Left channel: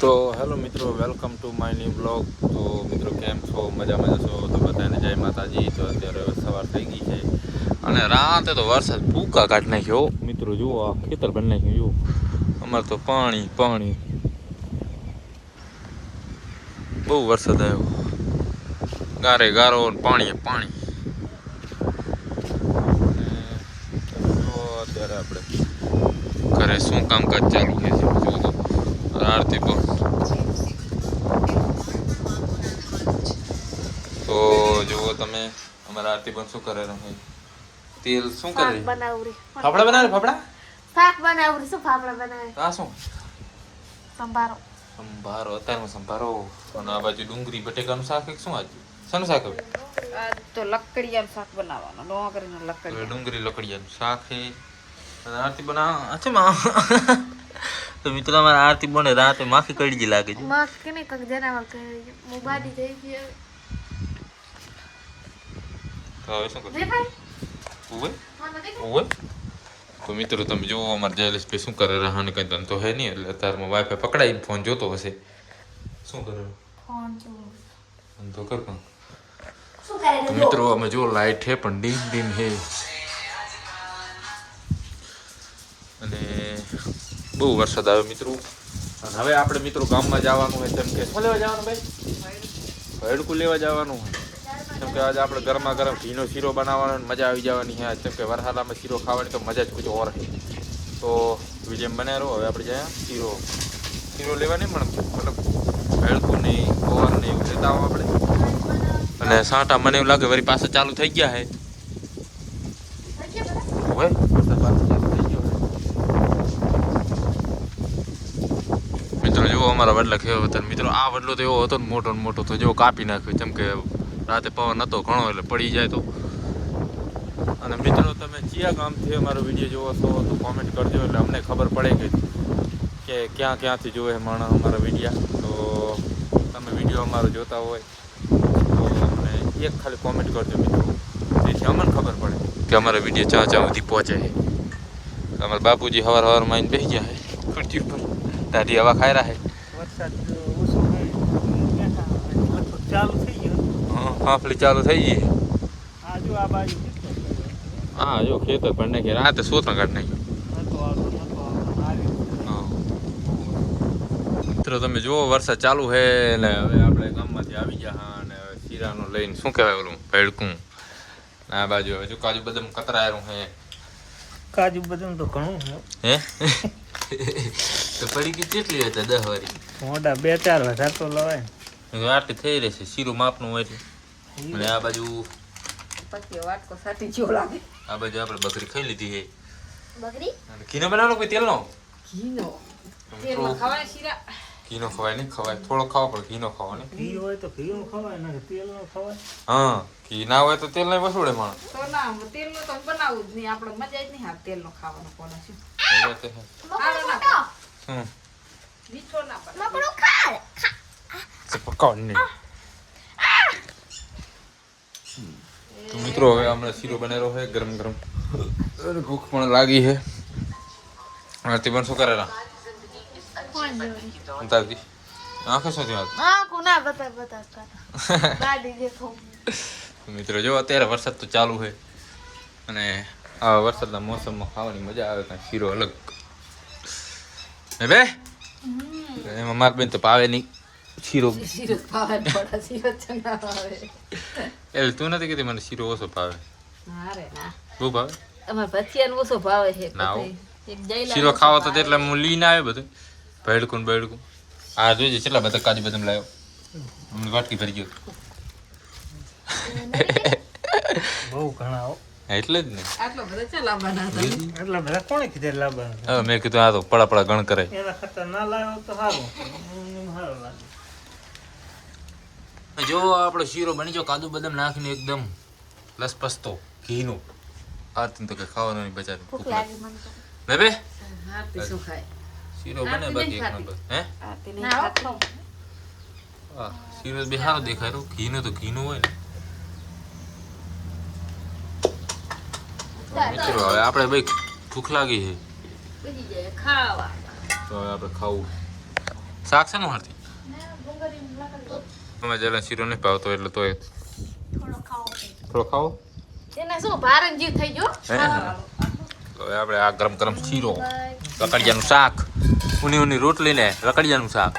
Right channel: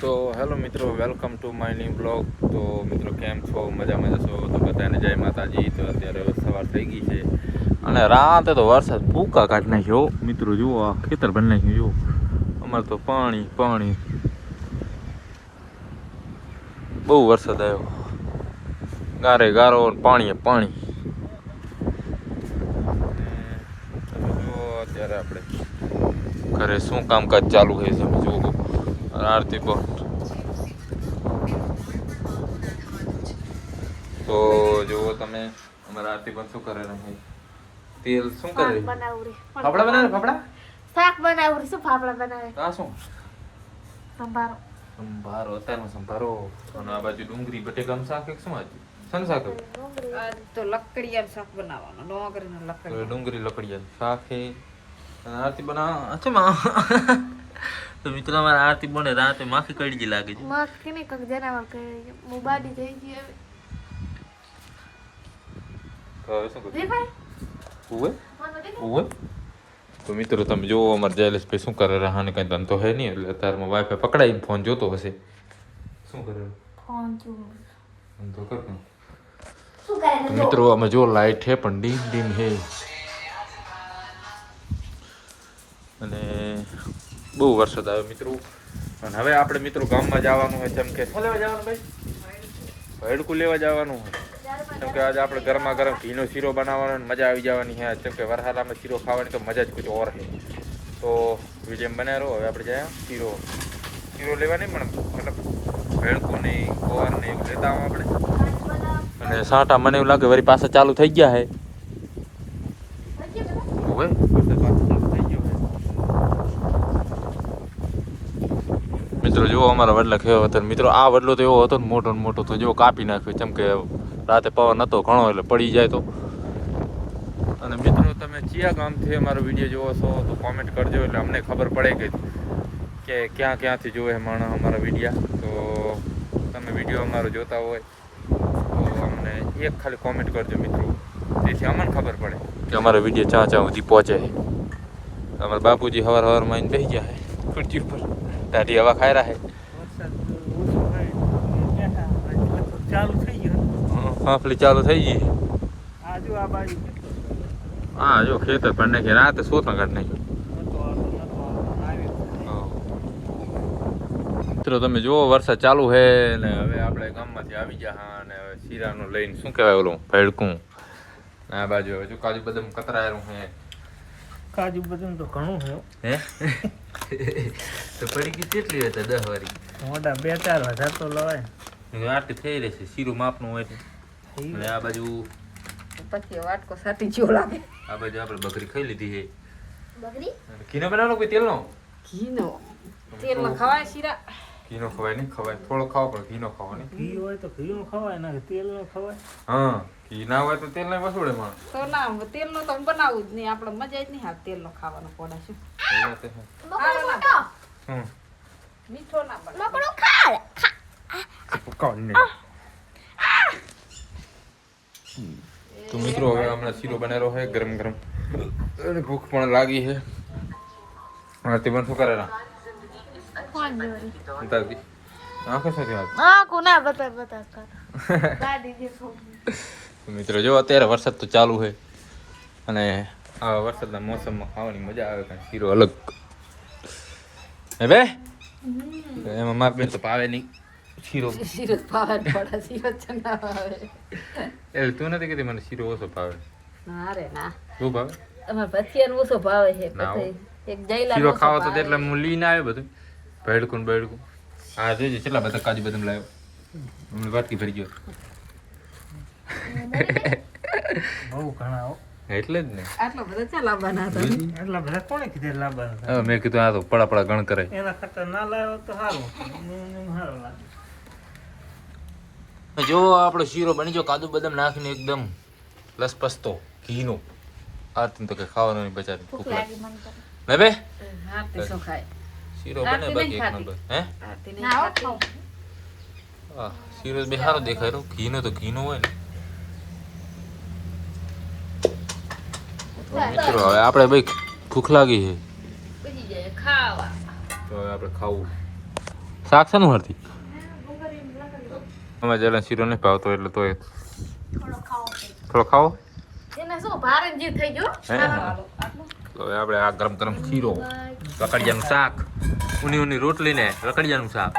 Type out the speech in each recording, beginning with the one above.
તો હેલો મિત્રો, welcome to my new blog. તો મિત્રો કેમ છો? મજામાં છો? તો બધાને જય માતાજી. તો અત્યારે સવાર થઈ ગઈ છે અને રાતે તો વરસાદ ભૂકા કાઢી નાખ્યો મિત્રો. જુઓ આ ખેતર બની નાખ્યું. જુઓ અમારે તો પાણી પાણી, બહુ વરસાદ આવ્યો. ગારે ગારો પાણી પાણી. જુઓ અત્યારે આપણે ઘરે શું કામકાજ ચાલુ હોય છે. જુઓ આરતી પણ. તો જુઓ તમે અમારા આરતી પણ શું કરે રહે. તેલ શું કરે? ફાફડા બનાવે. ફાફડા શાક બનાવું. શું ફાફડા બનાવે? આ શું? સંભારો. સંભારો. અત્યારમાં સંભારો. અને આ બાજુ ડુંગળી બટેકાનું શાક. શું આજે શાનું શાક હવે? તો લકડિયાનું શાક બનાવવાનું. ડુંગળીનું લકડિયા. ડુંગળી લકડિયાનું શાક છે. અને આરતી બનાવ છે માં. તો મિત્રો અમારા આરતી બને રાતે માખી કડી લાગે છે. મગ કે ને કક જનાવર કરી મોબાડી થઈ ગઈ હવે. તો હવે શું કરશું? ઉવે ઉવે. તો મિત્રો તમે જોવો અમારે જયલેશભાઈ શું કરે રહાને કઈ ધંધો હે નહીં, એટલે અત્યારમાં વાઈફાઈ પકડાઈને ફોન જોતો હશે. શું કરે? ફોન જો ધંધો કર. તો મિત્રો અમે જો લાઈટ હે પણ ડીમ ડીમ હે અને બહુ વરસાદ આવ્યો મિત્રો. અને હવે આપણે મિત્રો ગામમાં જવાનું હોય જેમ કે શું લેવા જવાનું ભાઈ? હડકું લેવા જવાનું હોય કેમ કે આજે આપણે ગરમા ગરમ ઘીનો શીરો બનાવવાનો મજા આવી જવાની છે. જેમ કે વરસાદમાં શીરો ખાવાની તો મજા જ કુછ ઓર છે. તો વિડીયો બનાવી રહો. હવે આપણે જાય શીરો લેવા નહીં પણ મતલબ હડકું નહીં ગોળ નહીં એવું લેતા આવું આપણે. અને સાંટા મને એવું લાગે વળી પાછા ચાલુ થઈ ગયા હે. હોય મિત્રો જુઓ અમારા વડલા કેવો હતા મિત્રો. આ વડલો તો એવો હતો ને મોટો ને મોટો, તો જો કાપી નાખ્યો. જેમ કે રાતે પવન હતો ઘણો એટલે પડી જાય તો. અને મિત્રો તમે કયા ગામથી અમારો વિડીયો જોવો છો તો કોમેન્ટ કરજો, એટલે અમને ખબર પડે કે ક્યાં ક્યાંથી જોવે માણસ અમારા વિડીયા. તો તમે વિડીયો અમારો જોતા હોય તો અમને એક ખાલી કોમેન્ટ કરજો મિત્રો, જેથી અમને ખબર પડે કે અમારા વિડીયો ચા સુધી પહોંચે છે. અમારા બાપુજી સવારમાં આવીને બેસી ગયા છે ખુરશી ઉપર, દાઢી હવા ખાઈ રહ્યા છે. ફાફલી ચાલુ થઈ ગઈ. હા જો ખેતર પણ નાખી રાતે સોતણ કાઢી નાખ્યું. મિત્રો તમે જુઓ વરસાદ ચાલુ છે ને હવે આપણે ગામમાંથી આવી ગયા. હા અને હવે શીરાનું લઈને શું કહેવાય ઓલું ભેડકું. આ બાજુ હજુ કાજુ બદામ કતરાયેલું છે. કાજુ બદામ તો ઘણું હે તો પડી ગઈ કેટલી હતી? 10 વાળી મોટા 2-4 હજાર તો લવાય. આટલી થઈ રહેશે શીરું માપનું હોય છે. અને આ બાજુ પછી વાટકો સાટી જેવો લાગે. આ બાજુ આપણે બકરી ખાઈ લીધી છે. બકરી ઘીનો બનાવવાનો કોઈ તેલનો? ઘીનો તેલમાં ખવાય શીરા? ઘીનો ખવાય નહીં, ખવાય થોડો ખાવો પણ ઘીનો ખાવાનો. ઘી હોય તો ઘીનું ખવાય ને તેલ નો ખવાય. હા ઘી ના હોય તો તેલ નહીં વસૂડે માણસ. તો ના તેલનો તો બનાવવું જ નહીં. આપણે મજા જ નહીં આવે તેલનો ખાવાનો. પોડા શું મીઠો ના બને. મકડો ખા. પકાવવાનું નહીં. તો મિત્રો હવે હમણાં શીરો બનાવ્યો છે ગરમ ગરમ. ભૂખ પણ લાગી છે. આરતી પણ શું કરેલા? ફોન જોઈ. ઉતારતી આંખો શું થયું? હા કોના બતા ગાડી દેખો. મિત્રો જો અત્યારે વરસાદ તો ચાલુ છે અને આ વરસાદના મોસમમાં ખાવાની મજા આવે કાંઈ શીરો અલગ. હે બે એમાં માર બેન તો પાવે નહીં શીરો. શીરો ભાવે પોડા શીરો જ ના ભાવે. એટલે તું નથી કહેતી મને શીરો ઓછો ભાવે? ના રે ના, બહુ ભાવે. અમાર ભજીયાનો ઓછો ભાવે છે. ના હો. એક જઈલા શીરો ખાવો તો એટલે હું લઈને આવ્યો બધું ભેડકું બેડકું. આ જોઈજે કેટલા બધા કાજુ બદામ લાવ્યો. હમણાં વાટકી ભરી ગયો. બહુ ઘણા હો. એટલે જ ને આટલો બધો ચાલ આવવાના હતા. એટલા બધા કોણે કીધે લાવવાના? હવે મેં કીધું આ તો પડા પડા ગણ કરે. એના કરતા ના લાવ્યો તો સારું. સારું લાગે. જો આપણો શીરો બની ગયો કાજુ બદામ નાખીને એકદમ લસપસતો ઘીનો. આરતી તો કઈ ખાવાનું નહીં બચારી ભૂખ લાગે ને બે. આરતી શું ખાય? શીરો બને બાકી એક નંબર. હે આરતી નહીં ના ખાતી. હા શીરો બી સારો દેખાય રહ્યો. ઘીનો તો ઘીનો હોય ને. તો મિત્રો હવે આપણે ભાઈ ભૂખ લાગી છે બીજી જાય ખાવા. તો હવે આપણે ખાવું શાક છે ને હરતી અમે જેલા શીરો નહીં ભાવતો એટલે તોય થોડો ખાવો એને શું ભારણ જીવ થઈ ગયો હે તો હવે આપણે આ ગરમ ગરમ શીરો રકડિયાનું શાક ઊની રોટલી ને રકડિયાનું શાક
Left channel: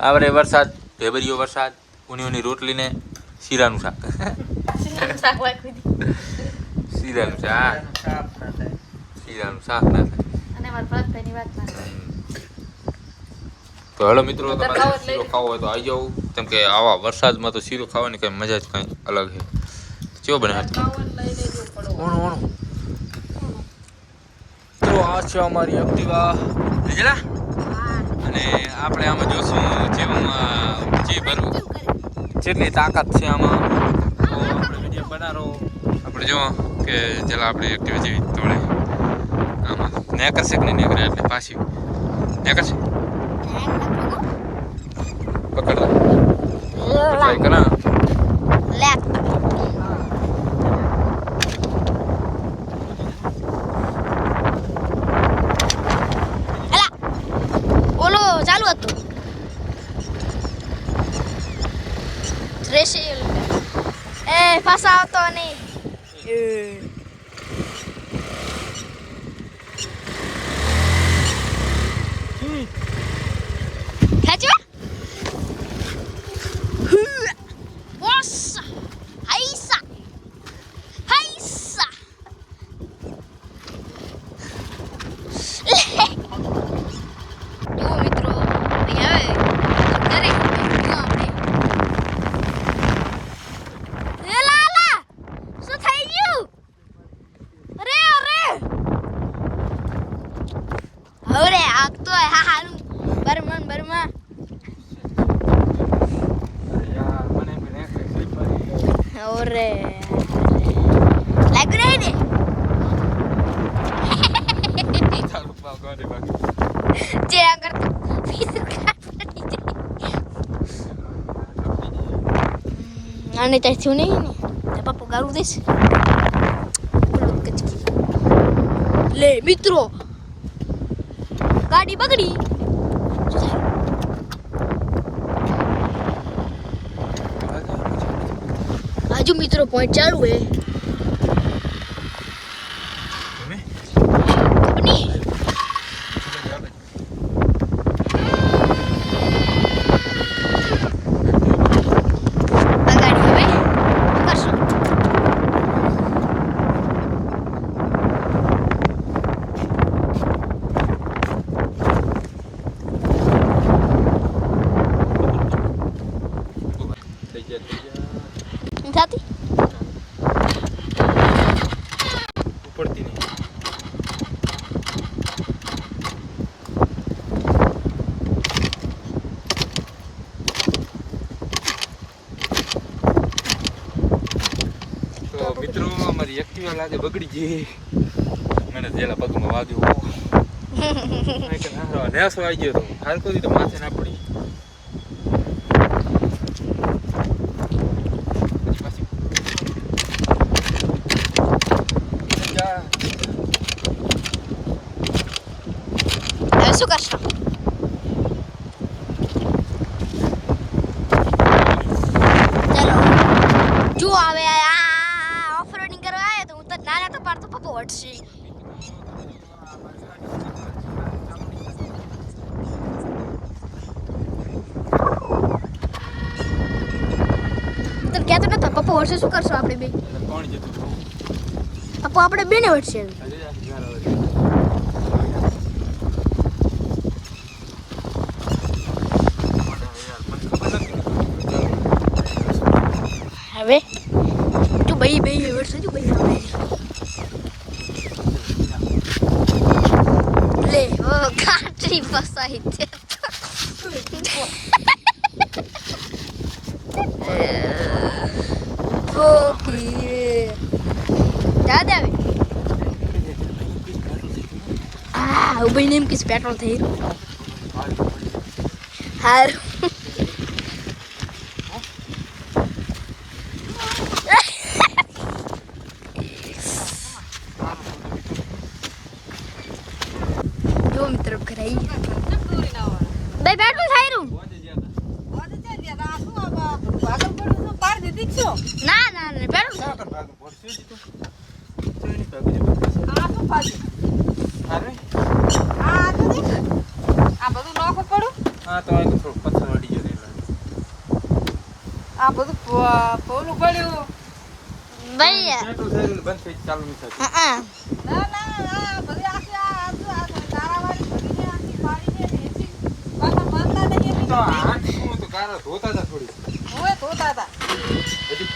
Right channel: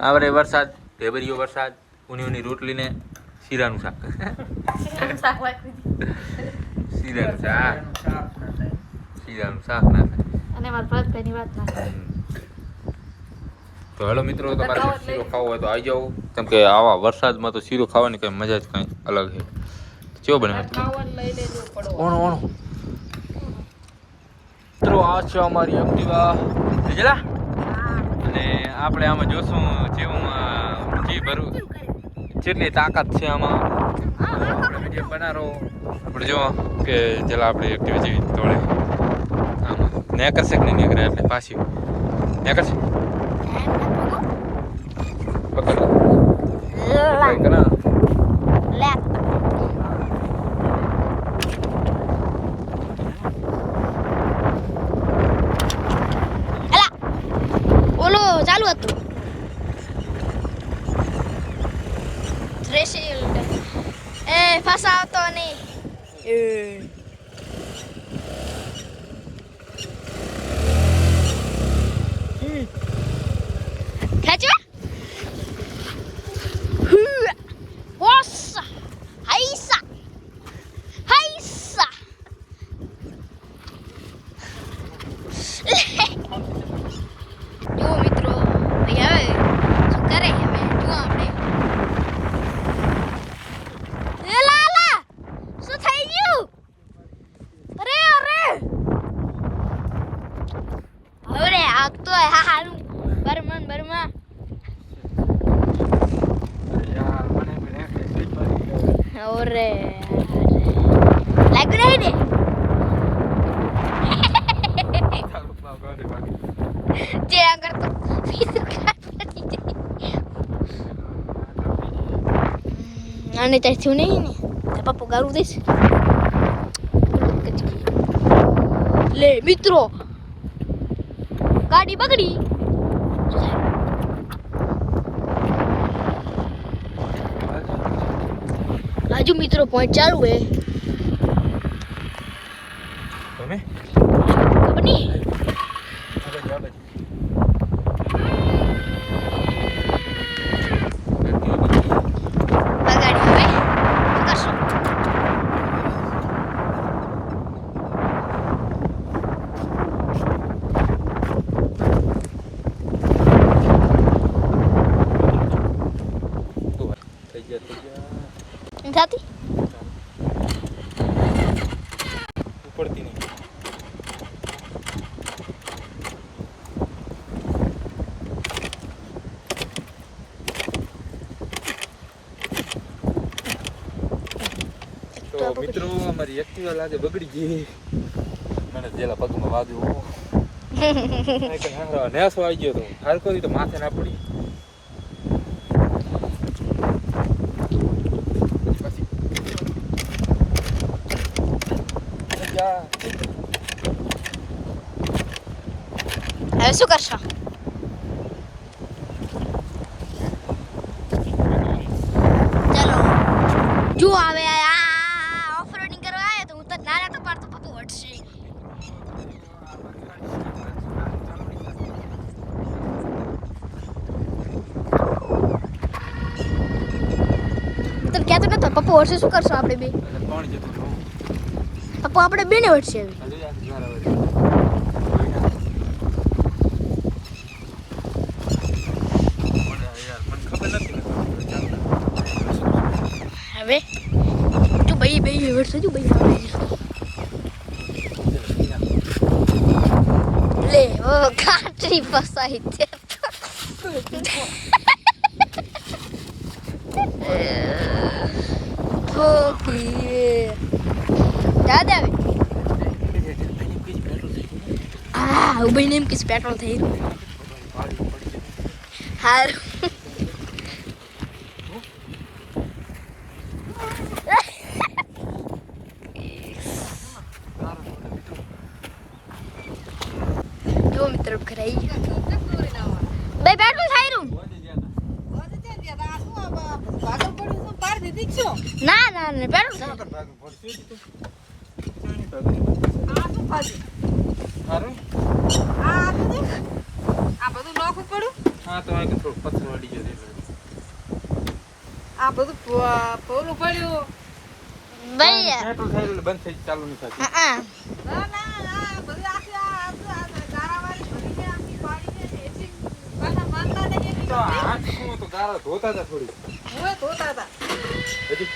આપણે વરસાદ ઢેબરીયો વરસાદ ઊની રોટલી ને શીરાનું શાક શાક વાળી શીરાનું શાક શીરાનું શાક ના થાય અને મારા ભરતભાઈની વાત ના કરે. તો હેલો મિત્રો તમારે શીરો ખાવો હોય તો આવી જાઓ કેમ કે આવા વરસાદમાં તો શીરો ખાવાની કઈ મજા જ કઈ અલગ છે. કેવો બને હતું ઓણો ઓણો મિત્રો આ છે અમારી એક્ટિવા લીધેલા અને આપણે આમાં જોશું જેવામાં જી ભરવું જેટલી તાકાત છે આમાં તો આપણે વિડીયો બનાવો આપણે જો કે જેલા આપણે એક્ટિવા જેવી તોડે આમાં નેકરશે કે નહીં નેકરે એટલે પાછી નેકરશે પકડ ટ્રાય કરા લે ઓલો ચાલુ હતું રેશી એ ફસાવતો નહીં ખેંચો બોસ હાઈસા હાઈસા જો મિત્રો અહીંયા કરે તો આપણે એ લાલા શું થઈ ગયું અરે અરે આગ તો હા હારું બરમન અરે લાગ રહે ને જે આગળ તો આને ત્યાં છું નહીં ને તો પપ્પા ગાળું દઈશ લે મિત્રો ગાડી બગડી આજુ મિત્રો પોઈન્ટ ચાલુ હે તમે ખબર નહીં આ ગાડી હવે શું કરશું થઈ ગયા થાતી ઉપડતી નહીં તો મિત્રો અમારી એક્ટિવા લાગે બગડી ગઈ મને જેલા પગમાં વાગ્યું નેસો આવી ગયો તો હાલ કરી તો માથે ના પડી હવે શું કરશો ચલો જો હવે આ ઓફ રોડિંગ કરવા આવ્યા તો હું તો નાના તો પાડતો પપ્પા વટશે તો ક્યાં તો નતો પપ્પા વટશે શું કરશો આપણે બે કોણ જતું પપ્પા આપણે બેને વટશે હવે તું ભાઈ વટશે તું ભાઈ લે ઓ કાટરી ફસાઈ છે દાદા ઉભઈને એમ કિસ પેટ્રોલ થઈ રહ્યું હારું મિત્રો ઘરે બે પેટ્રોલ થાયરું પહોંચી ગયા હતા. હવે ત્યાં ગયા તા. આ શું આ બધું ભાગલ પડ્યું છે? પાર દીધી જ છો. ના ના ના પેટ્રોલ ક્યાં કર ભાગનું પડશે તું? ચાની ભાગની આ શું ભાગ્યું? અરે આ નથી? આ બધું નોખું પડ્યું? હા તો આ થોડું પથ્થર વળી ગયો એટલે. આ બધું પોલું પડ્યું. ભાઈ પેટ્રોલ થઈ રહ્યું બંધ થઈ ચાલુ નહીં થતું. હા ના ના આ બધી આખી આ ગારાવાળી ભરીને આખી પાડીને એસી પાછા મારતા નહીં એમ. તો આંખ શું તો ગારા ધોતા હતા થોડી. હવે ધોતા હતા. હજી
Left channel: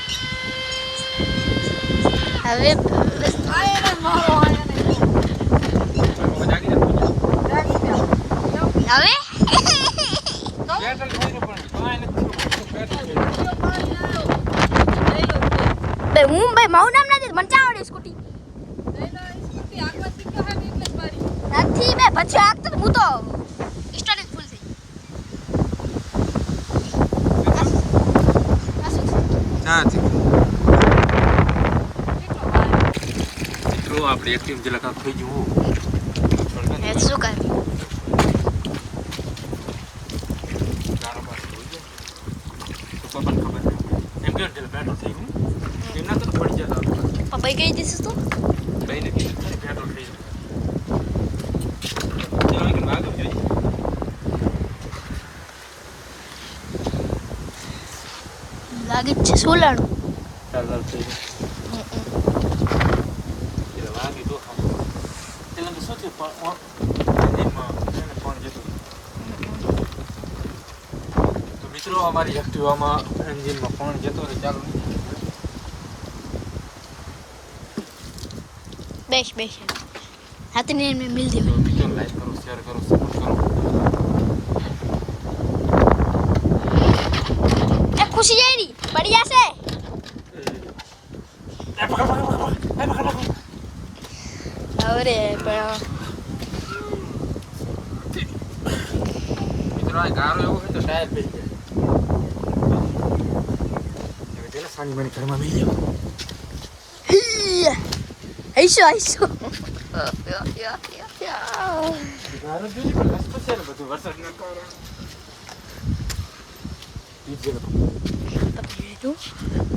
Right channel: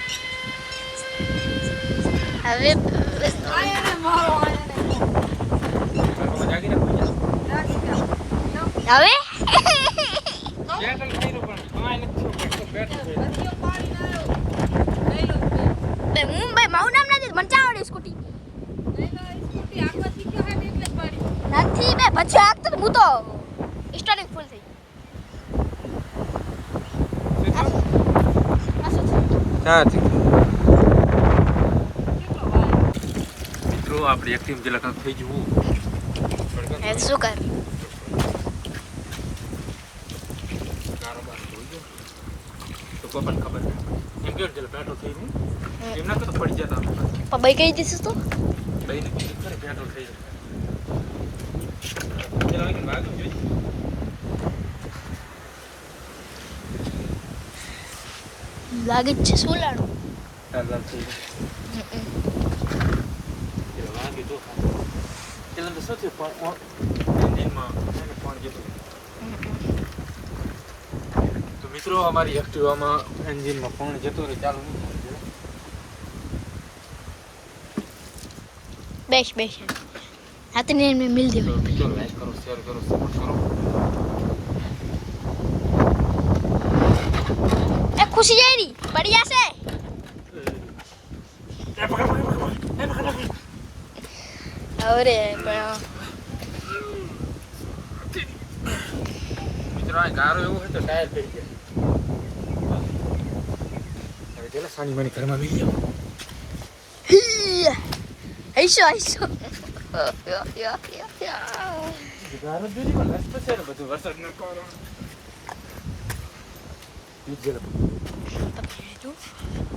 હવે આયો ને મારો આયો ને જો. આ બાબા જાગી રાખો. રાખી દે. હવે પેટ્રોલ થઈ રહ્યું પણ કાંઈ નથી થયું. પેટ્રોલ થઈ રહ્યું. જો પાણી લઈ લો. લઈ લો તે. બે મુંબઈ મારું નામ નથી મને ચાવડે સ્કૂટી લઈ લો ઈ સ્કૂટી આગળ શીખ્યો હા એટલે જ પાડી. નથી બે પછી આગળ હું તો સ્ટાર્ટિંગ ફૂલ થઈ આ શું છે? ચાથી કેટલો પાણી. મિત્રો આપણે એક ટીમ જેલા કાંક થઈ જવું. એ શું કર તો પપ્પાને ખબર ના. એમ કે જેલા પેટ્રોલ થઈ ગયું. એમ ના તો પડી જતા. પપ્પાઈ કહી દીધું તો ભાઈને કીધું છે ને પેટ્રોલ થઈ જાય. ચાલો કે ભાગો જઈ. લાગે છે સોલાનું ચાલ થઈ જાય. એટલે વાગી તો એટલે તો શું થયું એમાં પાણી જતું હતું. તો મિત્રો અમારી એક્ટિવામાં એન્જિનમાં પાણી જતું રહે ચાલુ નહીં થાય. બેસ બેસ હાથને મેં મિલ દે તો મિત્રો લાઈક કરો શેર કરો સપોર્ટ કરો. એ ખુશી જાય રી બઢિયા છે એ પકડ પકડ પકડ પકડ પકડ. અરે મિત્રો આ ગારો એવો હોય તો ટાયર પડી જાય. હવે પેલા સાની માની ઘરમાં બી આઈશો આઈશો ગારો જોઈ પણ રસ્તો છે ને બધું વરસાદ ના કારણ.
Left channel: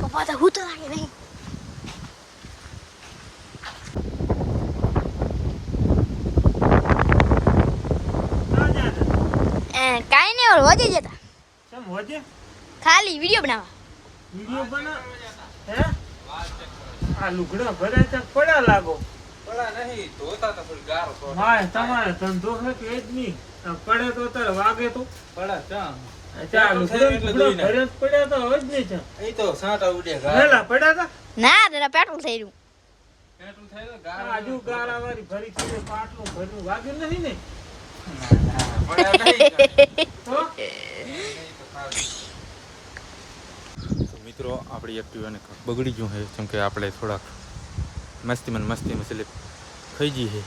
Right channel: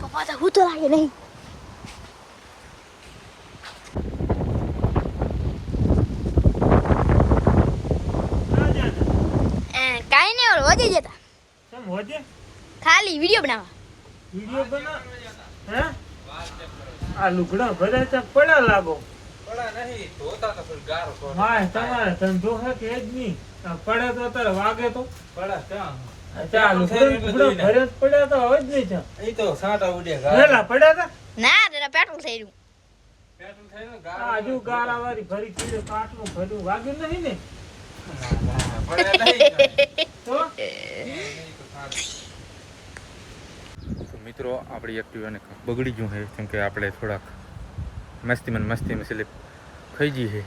પપ્પા તો હું તો લાગે નહીં કાંઈ નહીં ઓર વધી જતા કેમ હોજે ખાલી વિડીયો બનાવવા વિડિયો બના હે આ લુગડા ભરે છે પડ્યા લાગો માય તમારે ધંધો છે કે જ નહીં આ પડે તો અત્યારે વાગે તો ચા લુગડા ભરે જ પડ્યા તો હવે જ નહીં ચા હેલા પડ્યા તા ના દાદા પેટ્રોલ થઈ રહ્યું આ હજુ ગારાવાળી ભરી કીધે પાટલું ભર્યું વાગ્યું નહીં ને તો તો મિત્રો આપણી એક્ટિવાને બગડી ગયું છે કેમ કે આપણે થોડાક મસ્તીમાં સ્લીપ ખાઈ ગઈ છે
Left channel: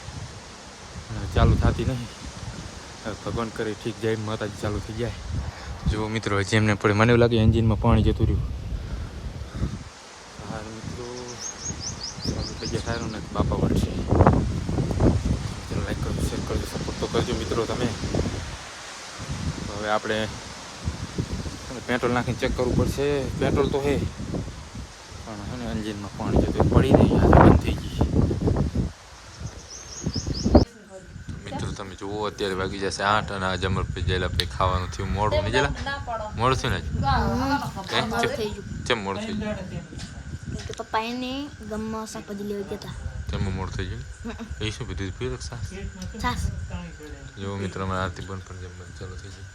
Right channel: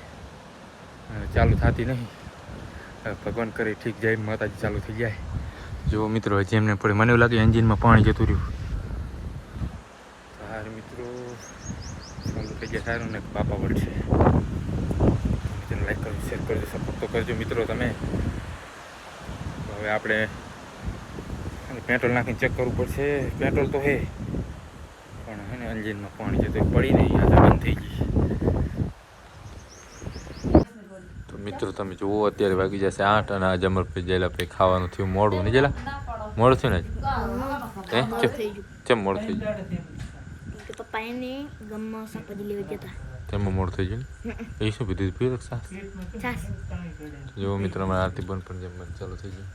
ચાલુ થતી નહીં. હવે ભગવાન કરે ઠીક જાય માતાજી ચાલુ થઈ જાય. જો મિત્રો હજી એમને પડે મને એવું લાગે એન્જિનમાં પાણી જતું રહ્યું. હા મિત્રો ચાલુ થઈ ગયા સારું ને બાપા વળશે. લાઈક કરજો શેર કરજો સપોર્ટ તો કરજો મિત્રો તમે. તો હવે આપણે પેટ્રોલ નાખીને ચેક કરવું પડશે. પેટ્રોલ તો હે પણ હે ને એન્જિનમાં પાણી છે તો એ પડી નહીં આ બંધ થઈ ગઈ. તો મિત્રો તમે જુઓ અત્યારે વાગી જશે 8 અને આજે અમારે પછી જેલા પછી ખાવાનું થયું મોડું નહીં જેલા મોડું થયું ને હે કેમ મોડું થઈ ગયું? પપ્પા એને ગમમાં શાકભાજી લેવા જતા તેમાં મોડું થઈ ગયું એ શું પીધું પીધું સાસ છાસ જો મિત્રો અમારે આરતી બંધ પણ જમવાનું ચાલુ થઈ ગયું.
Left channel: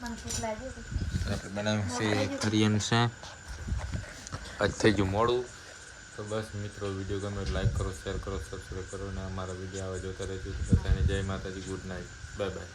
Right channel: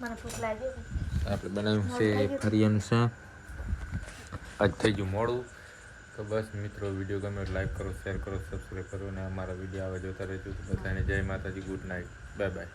મને ભૂખ લાગી આપણે બનાવ્યું છે ફરિયાનું શાક. આજ થઈ ગયું મોડું. તો બસ મિત્રો વિડીયો ગમે લાઈક કરો શેર કરો સબસ્ક્રાઈબ કરો અને અમારા વિડીયો આવે જોતા રહેજો. બધાને જય માતાજી ગુડ નાઇટ બાય બાય.